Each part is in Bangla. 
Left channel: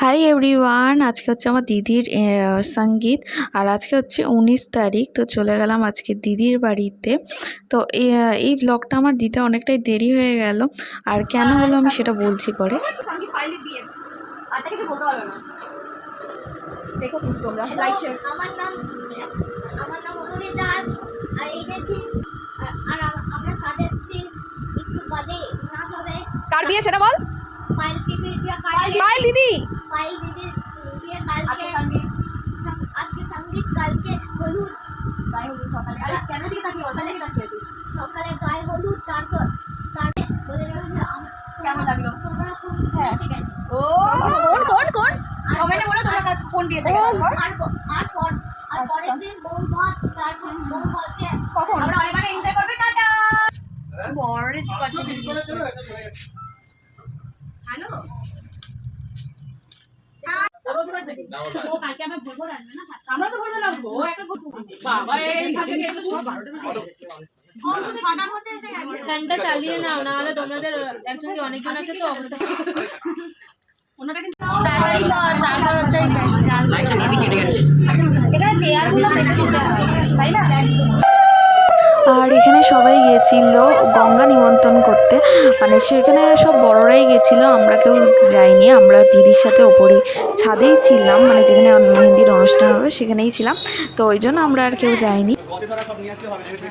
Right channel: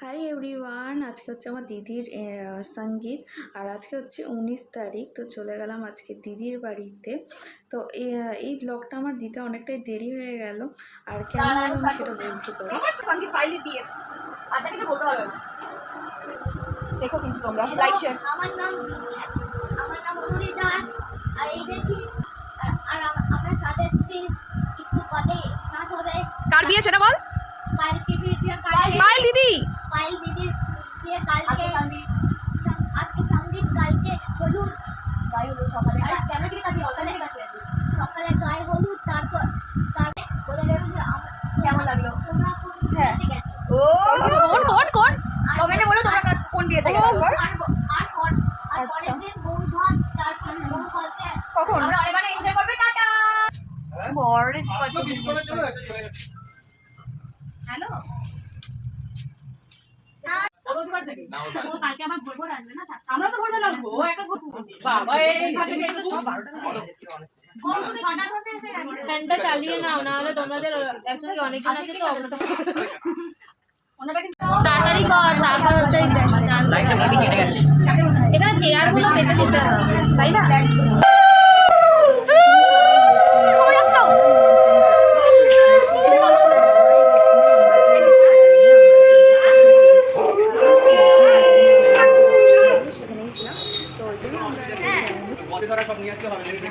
হাই এভরিওয়ান, আজকে হচ্ছে আমার দিদির সঙ্গীত। আর আজকে হচ্ছে 19 তারিখ। তো চলে গেলাম আজকে দিদির বাড়িতে। তো এই ব্লগটা আমার দিতে অনেকটাই দেরি হয়ে গেল। আর কেন হলো আমি সেটা বলছি পরে। দেখো কিন্তু তোমরা লাইক শেয়ার। আমার নাম অনুরি দাস। আর এই দেখি আর আমরা সাথে আছি একটু বাদে নাচ হবে। কার বিয়ে সেটা বল? পায়েল পিপির বিয়ে। পায়েল দিদি। পায়েল দিদির বিয়ে কালকে। আজকে সঙ্গীত, কালকে হলুদ। গায়ে হলুদ সকালে। আর কেন দিকে তাকিয়ে ওখানে তাকিয়েছিস? সকালে গায়ে হলুদ, তারপর বলে দেখো যে কেমন লাগলো? তোমরা কোন বিয়েতে গেছো? ও কোন কমেন্টে বলো তোমরা কোন বিয়েতে গেছো। আর পরের দিন বউ ভাত, তারপর বউ ভাতকে কখন আমরা অনেক এনজয় করবে। টাটা। বড় হ্যালো আমরা তো ভোরবেলা আসবো। বাবা ফ্যানটা চালিয়ে নাও, নাহলে তোমাদের একসঙ্গে অনেকজন আছে তো অবস্থা তাড়াতাড়ি কর। তারপর হচ্ছে এখানে চেয়ারগুলো পেতে দিতে হবে, তাই না? আর এখানে সবাই গিয়েছিল গঙ্গা নিমন্ত্রণ করতে, মানে সেখানে সব বড়রাই গেছিলো, আমরা কেউ যাইনি। আমরা দিদির সাথে ওপরেই ছাদেই ছিলাম, মানে যেখানে মেহেন্দির অনুষ্ঠান হবে সেখানেই ছিলাম। তো ওই জন্য আমরা আর কেউ যাইনি।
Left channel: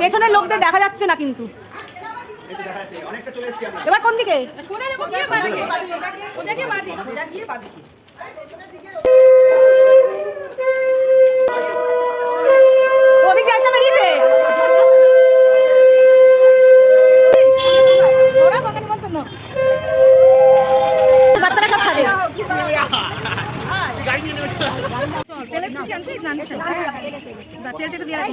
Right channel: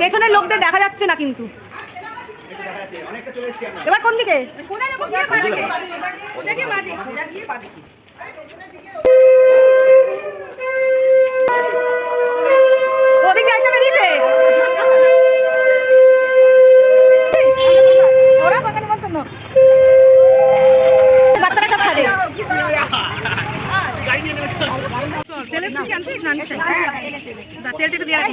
পেছনের লোকদের দেখা যাচ্ছে না কিন্তু। এবার কোন দিকে? ওদিকে একটা বেরিয়েছে। বাচ্চারা সব ছাদে। তেলটা একটু দিয়ে রাখি।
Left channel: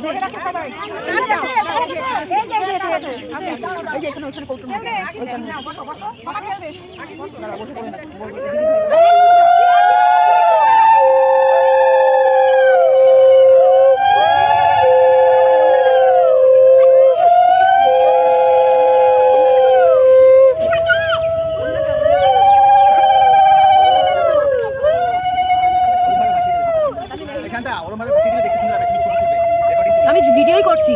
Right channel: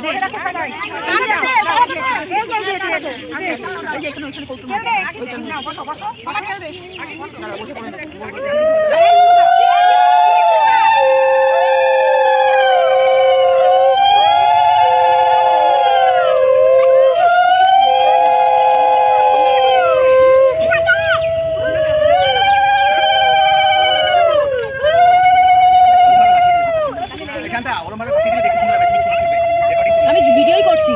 আমি ভিডিওই করছি।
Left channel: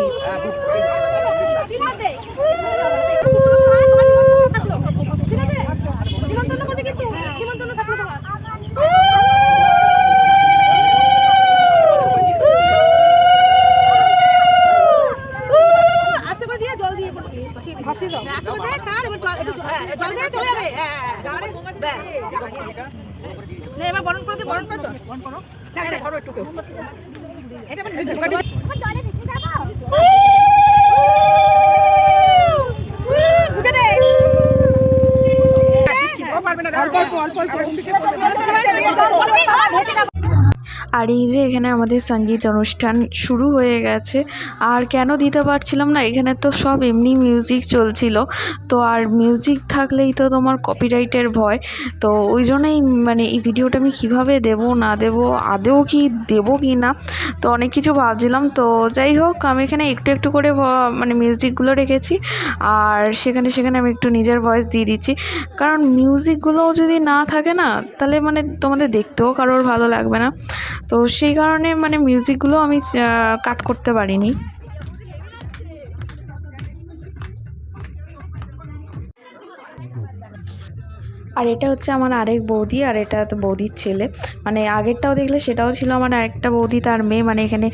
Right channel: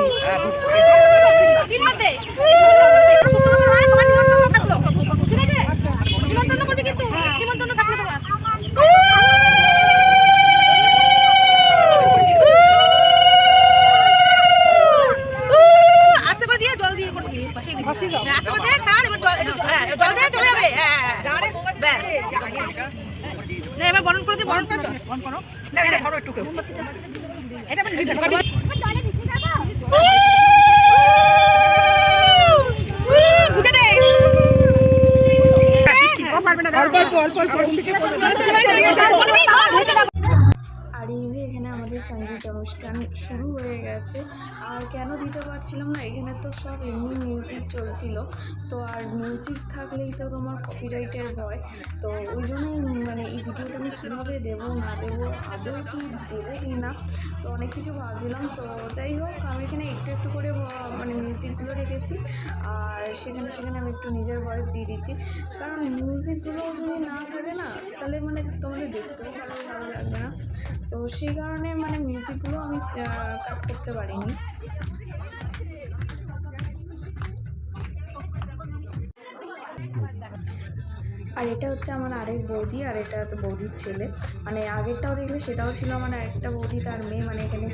এবার বরণ করে দিই। বরণ করো। একটু এটা আর এই যে এখানে আমাদের সঙ্গীত অনুষ্ঠান শুরু হয়ে গেছে। আর কেন দিতে পারছিলাম না, এখানে তো সব এমনি মিউজিক চলছিল। তো আর মিউজিক থাকলেই তো তোমার কপিরাইটের ভয়। তো ওই জন্যই মানে এই ভিডিওটা আমি কীভাবে দেবো না দেবো, আদেও কি দেবো কি না, তো অনেক কিছু ভাবছিলাম। তো যাই হোক, আমি এখানে একটু একটু করে মানে মিউজিকগুলো রেখেছি। আর সেখানে আমি একটু নিজের ভয়েস দিয়ে দিচ্ছি, কারণ মিউজিকগুলোও যদি না থাকে না, তাহলে মানে তোমাদের দেখতেও কারোর ভালো লাগবে না। তো সেই কারণে মানে মিউজিকগুলো আমি কাট করতে পারিনি। আর এটা হচ্ছে আমার আরেক বৌদি, আর এটা তো বৌদির ছেলে। মানে আগেরটাও দেখলে সেটাও ছিল আমার আরেকটা বৌদি, তার মেয়ে। মানে এখানে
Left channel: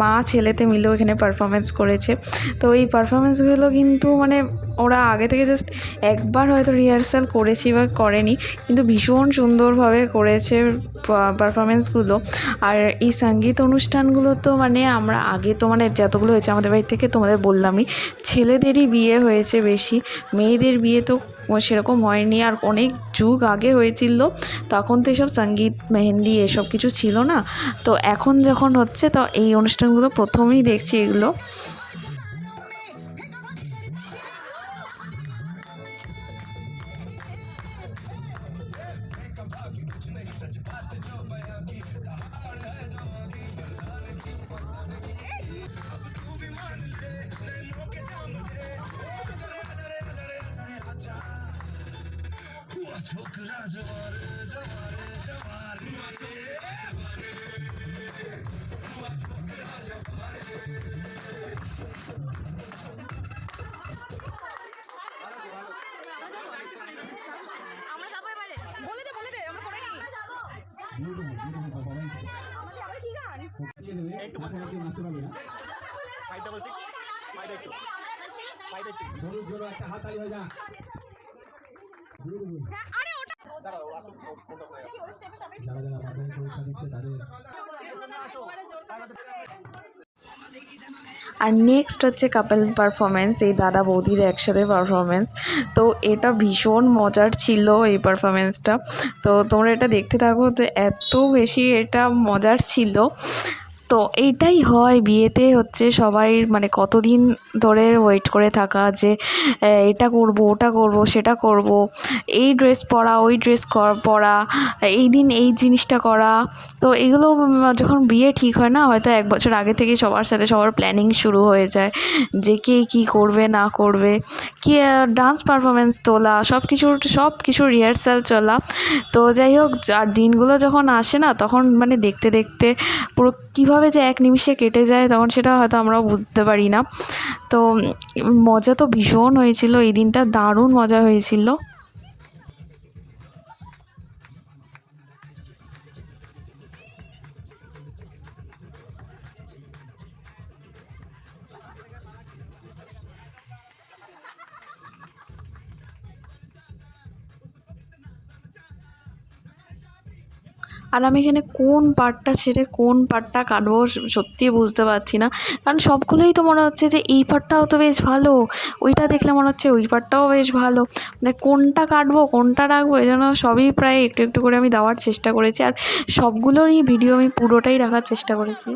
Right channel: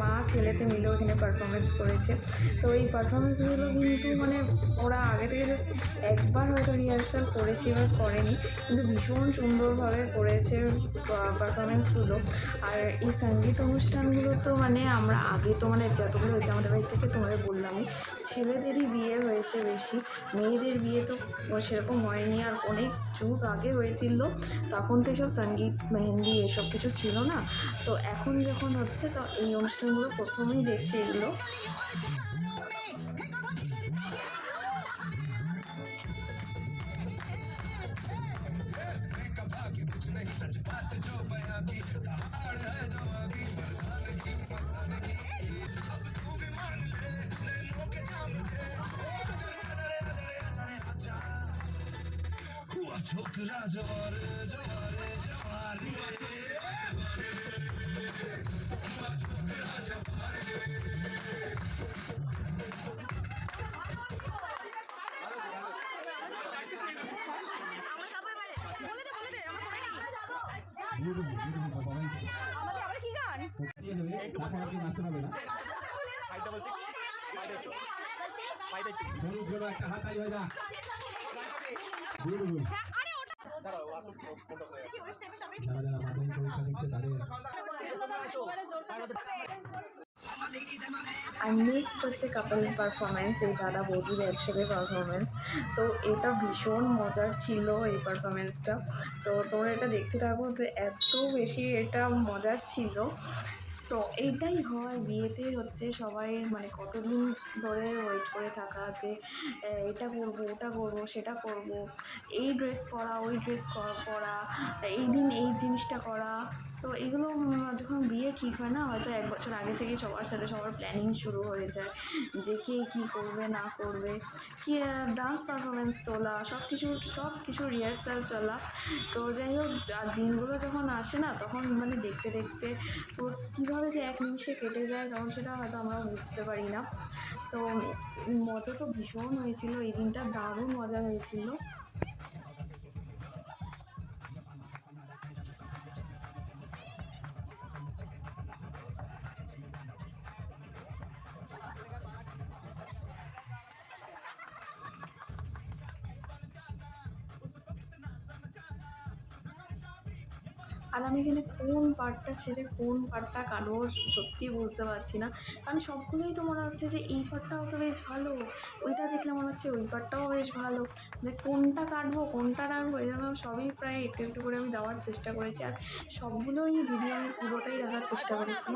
মা ছেলেতে মিলেও এখানে পারফরমেন্স করেছে। তো এই পারফরমেন্সগুলো কিন্তু মানে ওরা আগে থেকে জাস্ট একবার হয়তো রিহার্সাল করেছি বা করেনি, কিন্তু ভীষণ সুন্দরভাবে করেছে পারফরমেন্সগুলো। আর এই সঙ্গীত অনুষ্ঠানগুলো তো মানে আমরা আগে তো মানে যতগুলো হয়েছে আমাদের বাড়ি থেকে, তোমাদের বললামই, ছেলেদেরই বিয়ে হয়েছে বেশি, মেয়েদের বিয়ে তো সেরকম হয়নি। আর অনেক যুগ আগে হয়েছিল, তখন তো এসব সঙ্গীত মেহেন্দি এসব কিছু ছিল না। তো এখন যখন হচ্ছে, তো এই অনুষ্ঠানগুলো প্রথমেই দেখছি এগুলো। छोकरा जवारे একটা হাত তালি হয়ে যা। যারা যারা মাধ্যমিক পরীক্ষা দিচ্ছে তাদের আর নেক্সট হচ্ছে কাপল পারফরমেন্স, এই দাদা বৌদির একসাথে পারফরমেন্স। তো এটা ভীষণ মজার ছিল এই পারফরমেন্সটা। তো তোমরা এটা দেখতে থাকো, তো এত বেশি এটা মজার ছিল। তো এইটাই হয় বিয়েতে, হচ্ছে সবাই মানে কতদিন ধরে ওয়েট করে থাকা যে এটা করব, ওটা করব, সেটা করব, এই ড্রেস পরা, ওই ড্রেস পরা, এই দিন এই জিনিসটা করা। তো এগুলো যখন বিয়ে ঠিক হয় না, হয়তো 1 বছর আগে থেকে সবার সাথে সবার প্ল্যানিং শুরু হয়ে যায় যে কে কী করবে না করবে, কি ডান্স পারফরমেন্স তোলা, সব কিছু রিহার্সাল চলা। তো যাই হোক, আর দিনগুলো যখন আসে না, তখন মানে দেখতে দেখতে পুরো কীভাবে যে এক নিমিষে কেটে যায়, তখন সেটা হয়তো আমরাও বুঝতে পারি না। তো মজা তো ভীষণ হয়েছিল, এই দিনটা দারুণ মজা হয়েছিল। আর আমি এখানে কোন পার্টটা ছেড়ে কোন পার্টটা কাটবো সত্যিই বুঝতে পারছি না, কারণ সবগুলোই তো মনে হচ্ছে যে এই পার্টটাও তো বেশ ভালো, ওইটা দেখলে মনে হচ্ছে ওই পার্টটাও বেশ ভালো, মানে কোনটা কাটবো কোনটা রাখবো, এই জন্য সবই প্রায় একটু একটু করে আমি দেওয়ার চেষ্টা করেছি। আর সবগুলোরই ভিডিও আমি পুরোটাই রাখার চেষ্টা করেছি।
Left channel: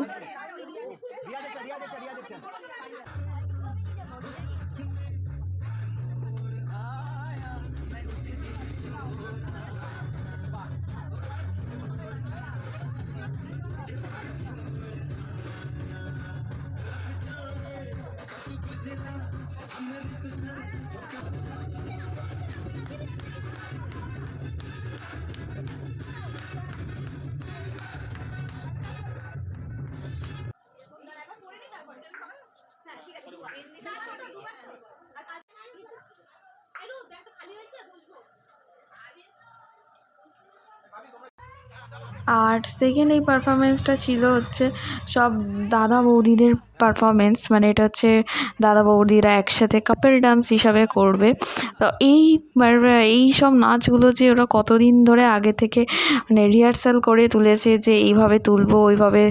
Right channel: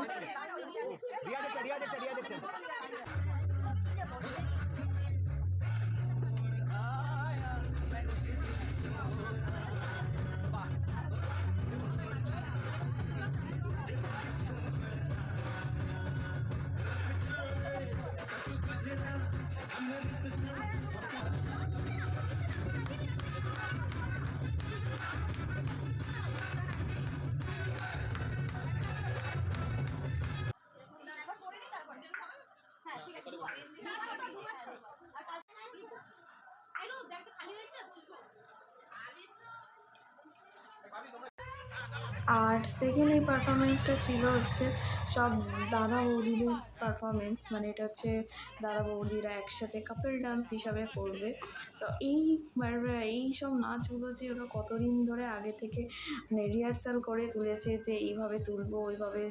আর সেকেন্ড এই পারফরমেন্সটা ছিল হচ্ছে সব দাদা বৌদিদের পারফরমেন্স, মানে এটা হচ্ছে দাদা বৌদিরা একসাথে কাপল ডান্স হিসাবে করবে। তো এই সব নাচগুলো যে ওরা কতদিন ধরে আগে থেকে মানে রিহার্সাল করে তুলেছে যে এইভাবে তুলবো, ওইভাবে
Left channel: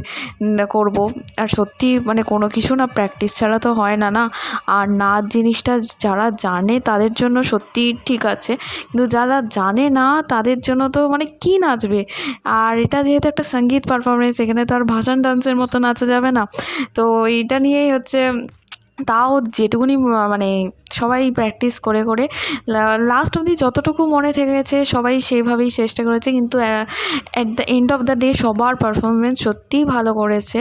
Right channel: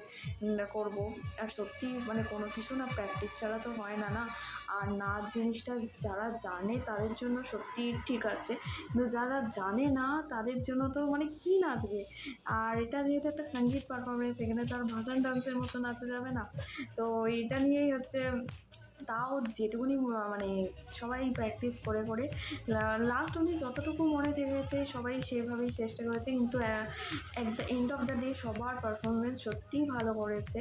করব। আর সত্যি মানে কোনো কিছু না প্র্যাকটিস ছাড়া তো হয় না না। আর নাচ জিনিসটা যারা জানে তাদের জন্য সত্যি ঠিক আছে, কিন্তু যারা জানে না তাদের জন্য তো মানে কী নাচবে। আর এটা যেহেতু একটা সঙ্গীত পারফরমেন্স, এখানে তো আর ভাসান ডান্সের মতো নাচা যাবে না। তো এইটা নিয়েই হচ্ছে, তাও যেটুকুনি মানে সবাই প্র্যাকটিস করে করে লাস্ট অবধি যতটুকু মনে থেকে গেছে সবাই সেইভাবেই চেষ্টা করেছে, কিন্তু at the end of the day সবার পারফরমেন্স সত্যিই ভালো করেছে।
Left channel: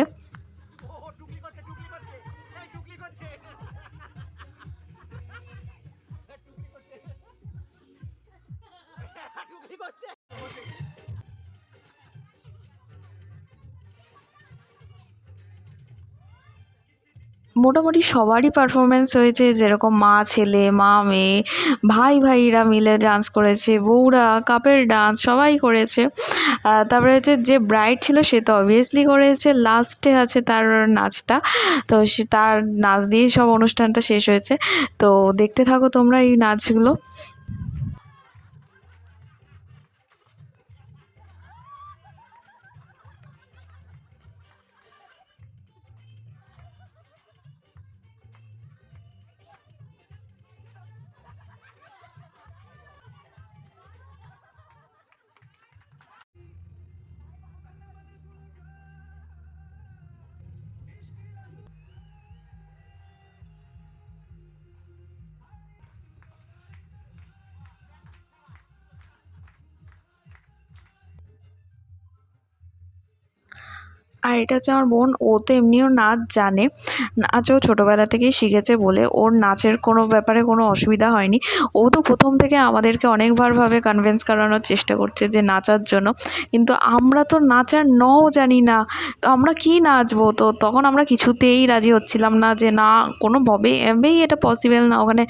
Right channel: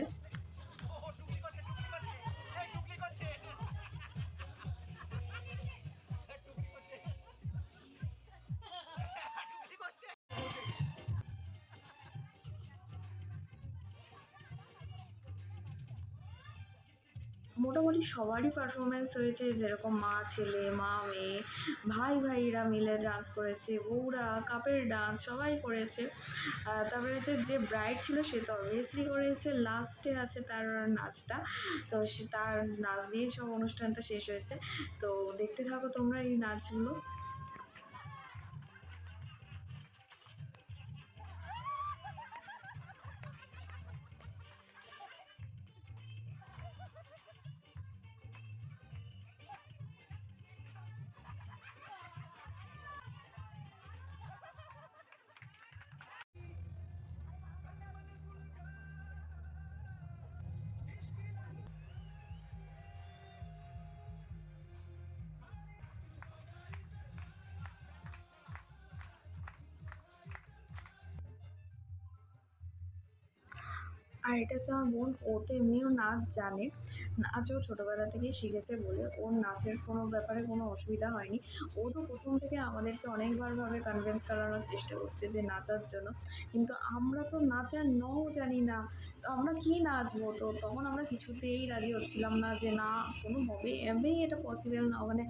মোটামুটি সবারই পারফরমেন্স হয়েছে, যেরকম মা ছেলে, মা মেয়ে, ভাইরা মিলে ডান্স করেছে, বউরা কাপল ডান্স সবাই করেছে। তারপরে হচ্ছে যে ব্রাইড ছিল সে তো অবভিয়াসলি করেছে, লাস্টে আছে তার নাচটা। তো সে তার নাচ দিয়েই সব অনুষ্ঠানটা শেষ হয়েছে। তো দেখতে থাকো তোমরা এই নাচগুলো। আর এটা হচ্ছে আমার বোন, ও তো এমনিও নাচ জানে, নাচও ছোটোবেলা থেকেই শিখেছে বলে ওর নাচের কোনো ব্যাপারে কোনো অসুবিধা হয়নি। ও তো প্রথম থেকে আমাদেরকে অনেকবারভাবে কনভিন্স করানোর চেষ্টা করছে যে নাচার জন্য, কিন্তু আমরা তো নাচার নও জানি না, তো আমরা কী নাচবো? তো তখন আমরা কিছুতেই রাজি হচ্ছিলাম না যে না, কোনোভাবেই এটা পসিবল না ওখানে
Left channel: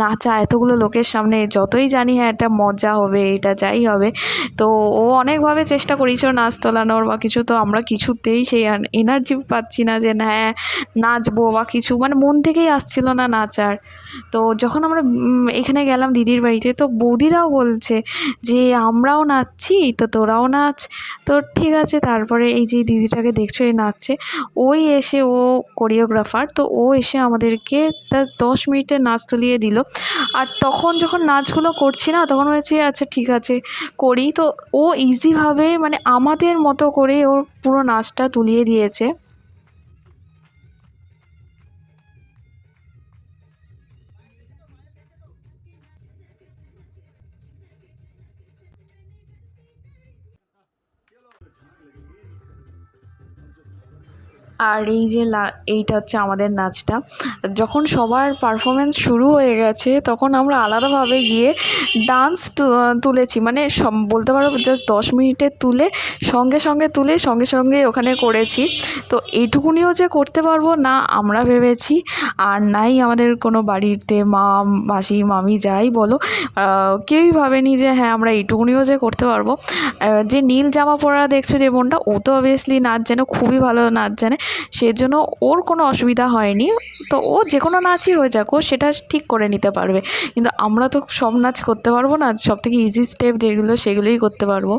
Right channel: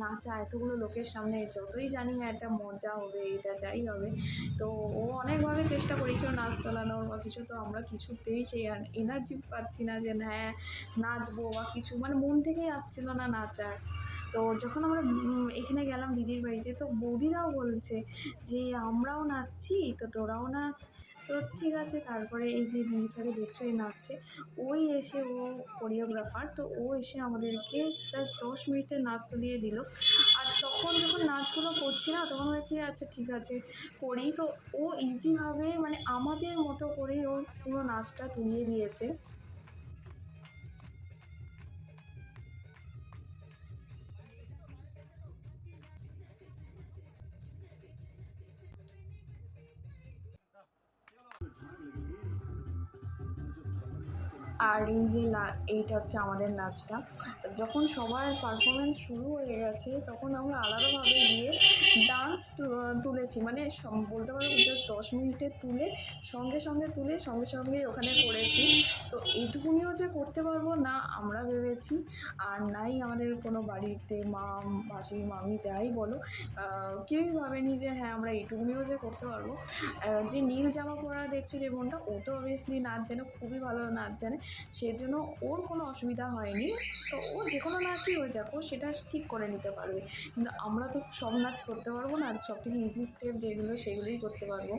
নাচা এতগুলো লোকের সামনে। যতই জানি হ্যাঁ এটা মজা হবে, এটা যাই হবে, তো ও অনেকভাবে চেষ্টা করেছিল নাচ তোলানোর বা কিছু, তো আমরা কিছুতেই সেই এনার্জি পাচ্ছি না যে হ্যাঁ নাচবো বা কিছু, মানে মন থেকেই আসছিল না নাচার। তো যখন আমরা এখানে গেলাম দিদির বাড়িতে, তো বৌদিরাও বলছে যে আমরাও নাচছি তো তোরাও নাচ। তো ঠিক আছে, তারপরে এই যে দিদিটাকে দেখছো এই নাচছে, ওই এসে ও কোরিওগ্রাফার, তো ও এসে আমাদেরকে 10 মিনিটের নাচ তুলিয়ে দিল। আর তখন যখন নাচগুলো করছি না, তখন হয়েছে আচ্ছা ঠিক আছে করি, তো ও ইজিভাবে মানে আমাদের মতো করে ওর পুরো নাচটা তুলিয়ে দিয়েছে। আর এই যে এইটা হচ্ছে আমাদের নাচটা। যখন সবার পারফরমেন্স শুরু হয়ে গেছে, তখন আমরা আলাদাভাবে গিয়ে ডান্স তুলেছি, মানে বলতে পারো জাস্ট 10 মিনিটে তুলে সঙ্গে সঙ্গে ওখানে করেছি। তো এইটুকুনিও যে করতে পারবো না আমরা ভেবেছি, আর নাই আমাদের কোনো বাড়িতে মা, মাসি, মামি যাই বলো, কেউই ভাবেনি যে হ্যাঁ আমরা এইটুকুনিও যে করতে পারবো। যে নীল জামা পরা দেখছো যে বোনটা, ও তো অবভিয়াসলি নাচ জানে, খুবই ভালো নাচ জানে, সেজন্য ওর কোনো অসুবিধা হয়নি। তো ও যে কোনো নাচই হয়ে যাক, ও সেটা ঠিক করে নিতে পারবে। কিন্তু আমরা তো সব নাচ করতে পারবো না, সব থেকে ইজি স্টেপ যেগুলো সেগুলোই করতে পারবো।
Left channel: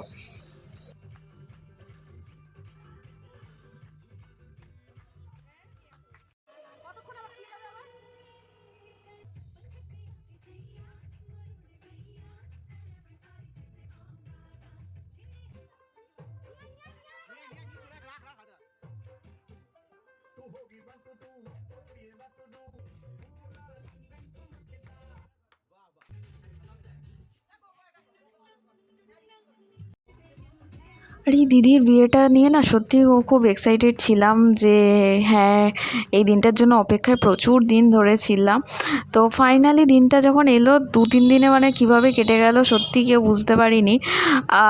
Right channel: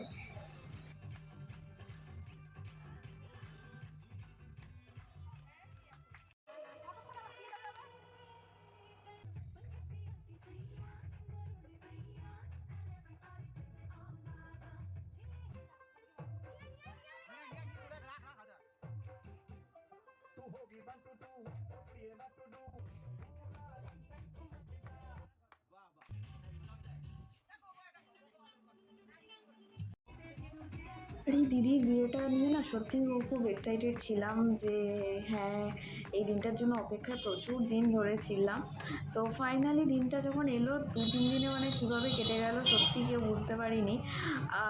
আর এই দিদির বিয়েটা নিয়ে না সত্যি খুব এক্সাইটেড ছিলাম যে হ্যাঁ এই দিনটার জন্য অপেক্ষায় প্রচুর দিন ধরে ছিলাম। তো ফাইনালি দিনটা যখন এলো, 2-3 দিনে মানে কিভাবে কেটে গেল সত্যি কেউ বুঝতে পারিনি।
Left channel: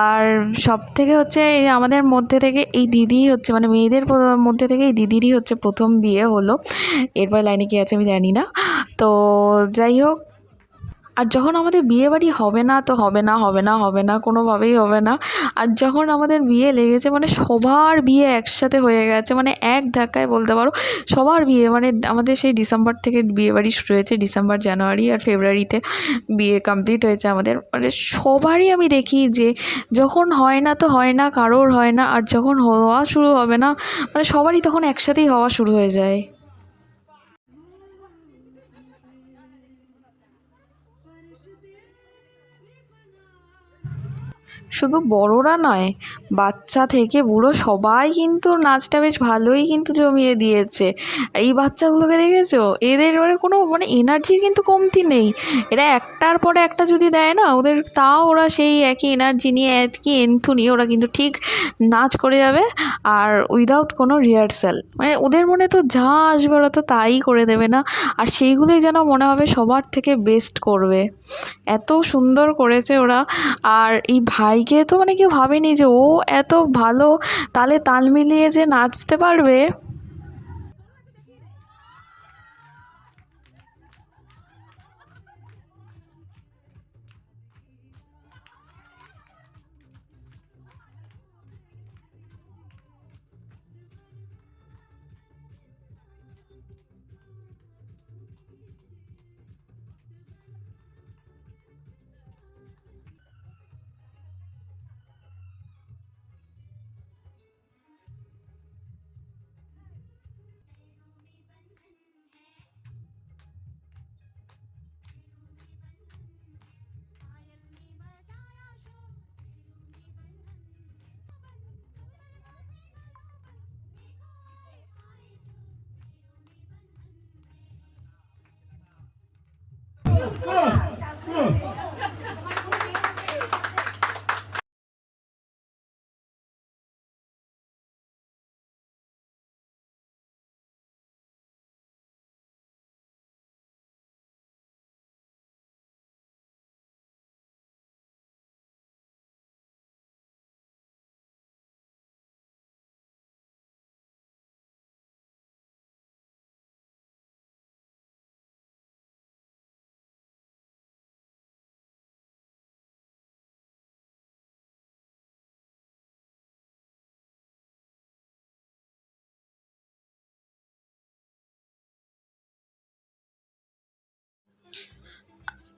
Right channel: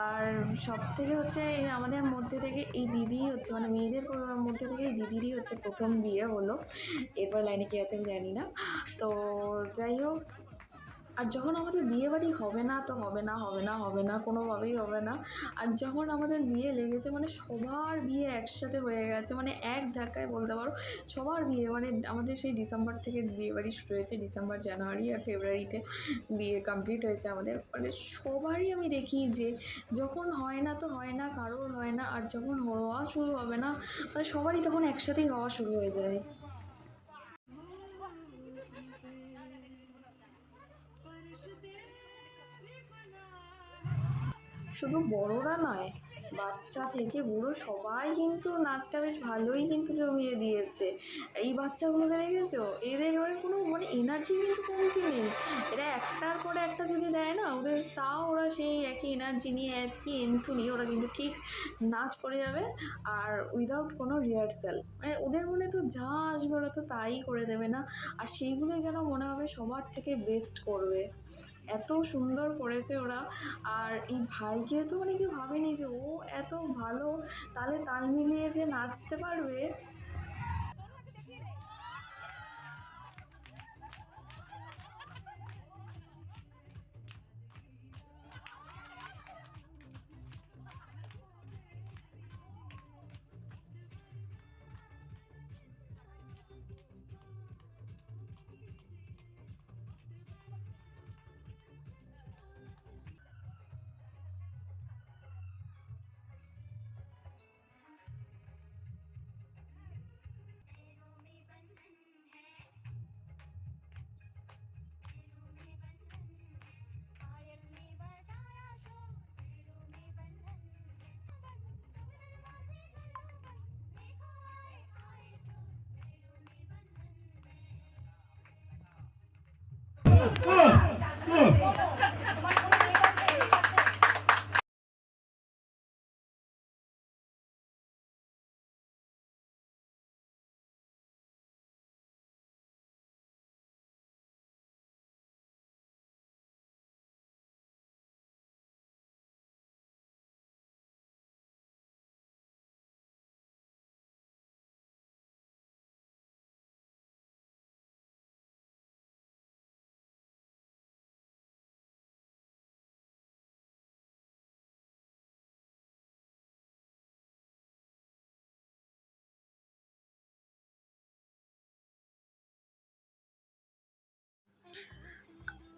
আর সব থেকে হচ্ছে এই আমাদের মধ্যে থেকে এই দিদিই হচ্ছে, মানে মেয়েদের মধ্যে থেকে এই দিদিরই হচ্ছে প্রথম বিয়ে হলো। এরপর লাইনে কী আছে আমি জানি না। তো যাই হোক, আর যখন আমাদের বিয়েবাড়ি হবে না তো হবে না কোনোভাবেই হবে না। আর যখন আমাদের বিয়ে লেগেছে, মানে সবার বিয়ে একসাথে হয়ে গেছে, মানে এক ধাক্কায় বলতে পারো সবার বিয়ে, মানে আমাদের সেই ডিসেম্বর থেকে বিয়েবাড়ি শুরু হয়েছে, ডিসেম্বর, জানুয়ারি আর ফেব্রুয়ারিতে বিয়ে কমপ্লিট হয়েছে আমাদের। মানে সবারই আমি দেখি যে যখন হয় না তো হয় না, কারোর হয় না, আর যখন হওয়া শুরু হবে না, মানে সবারই তখন একসাথেই হওয়া শুরু হয়ে যায়। শুধু বড়রা নয়, বাচ্চা থেকে বুড়ো সবাই কিন্তু নাচটা বেশ ভালোই কিন্তু জমিয়ে দিয়েছে। এই বাচ্চাগুলোকে দেখেছো? এদের মানে কোনো মানে এনার্জির কিন্তু কমতি নেই। এরা একটার পরে একটা যদি দেয় না ওদের, তাও ওরা সেই একই এনার্জি নিয়ে, একই এন্থু নিয়ে ওরা কিন্তু ঠিক নাচ করে যাবে। আর উইদাউট কোনো রিহার্সাল, মানে ওদের মনে তো যা আসবে ওরা তো তাই করে দেবে না, আর সেইগুলোই যেন মনে হবে সবার থেকে বেস্ট করবে। এত সুন্দর করেছে ওরা। আর এই ভাইকে তো মানে কেউ ভাবেনি যে ও এত ভালো তালে তাল মিলিয়ে যে নাচতে পারবে।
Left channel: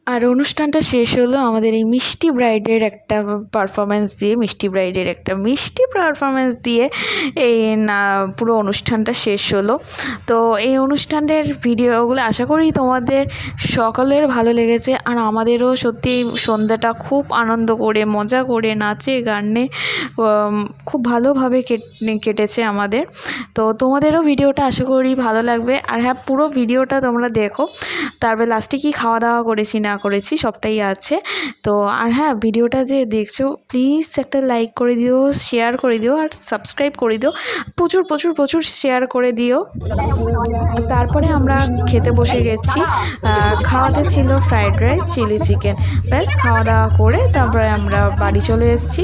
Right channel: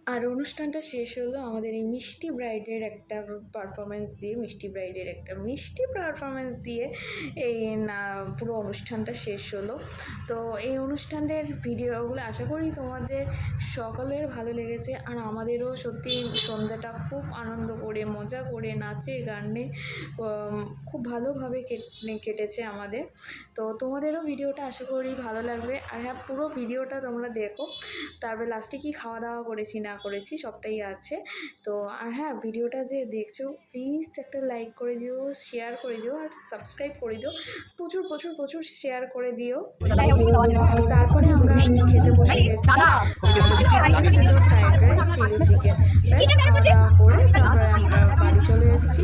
আর অনুষ্ঠানটা শেষ হলো আমাদের এই মিষ্টি ব্রাইডের একটা পারফরমেন্স দিয়ে, মিষ্টি পারফরমেন্স দিয়ে এই না পুরো অনুষ্ঠানটা শেষ হলো। তো এই অনুষ্ঠানের ভিডিওগুলো আশা করি তোমাদের সকলের ভালো লেগেছে, আর আমাদেরও সত্যি সন্ধ্যাটা খুব আনন্দ করে মজা করে নাচে গানে খুব ভালোভাবে কেটেছে আমাদের। তো তোমাদেরও ভিডিওটা আশা করি ভালো লাগবে। আর হ্যাঁ, পুরো ভিডিওটা তোমরা দেখো, তারপরে লাস্টে কি খাওয়া দাওয়া করেছি না করেছি সবটাই আছে। তো আর হ্যাঁ, ভিডিওটা যে দেখছো প্লিজ একটা লাইক করে দিও, শেয়ার করে দিও, আর সাবস্ক্রাইব করে দিও, প্রচুর প্রচুর প্রচুর শেয়ার করে দিও। তারপরে আমরা খেতে বসে গেছি। খাওয়াতে ছিল ফ্রাইড রাইস, চিলি চিকেন, ব্যাস খাওয়া দাওয়া করে তারপরে আমরা বাড়ি চলে এসেছি।